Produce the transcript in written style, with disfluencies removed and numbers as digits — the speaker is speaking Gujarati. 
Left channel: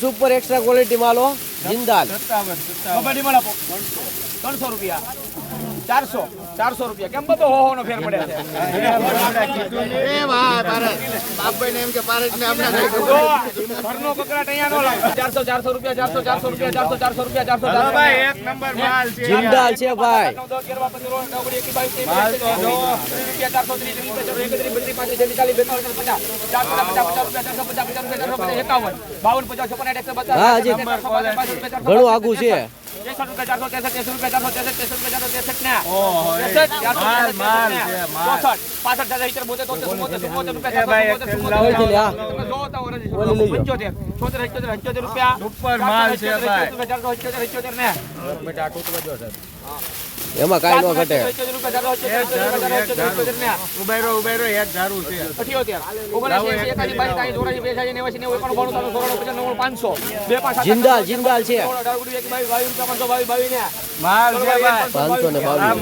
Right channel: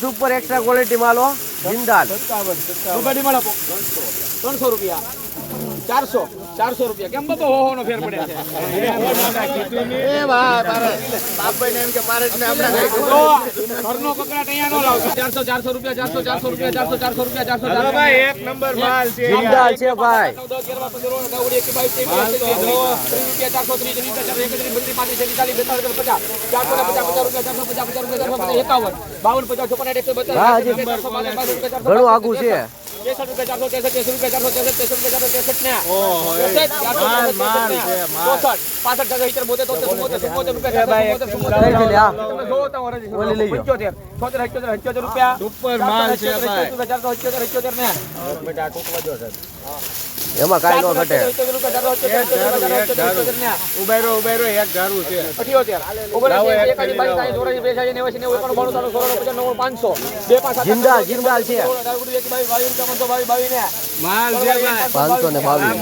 સુપર એક્સ્ટ્રા ક્વોલિટી માલો જિંદાલ કબડ્ડી માં આપો 300 રૂપિયા 400 રૂપિયા કેમ બધો હો નો ફેર પડ્યા છે એ ભાઈ બાપભાઈ ને એમ કે પારેજ ને આપણે ઘરનો કકડા તૈયાર નો લાવ 400 રૂપિયા 400 રૂપિયા 400 રૂપિયા 400 ભાઈ એક નંબર માલ છે જિંદાલ છે ભાઈ હા હજી ઘણું આગું છે 78 રૂપિયા એમાં કાંઈ ન ઘટે જિંદાલ જિંદાલ છે 522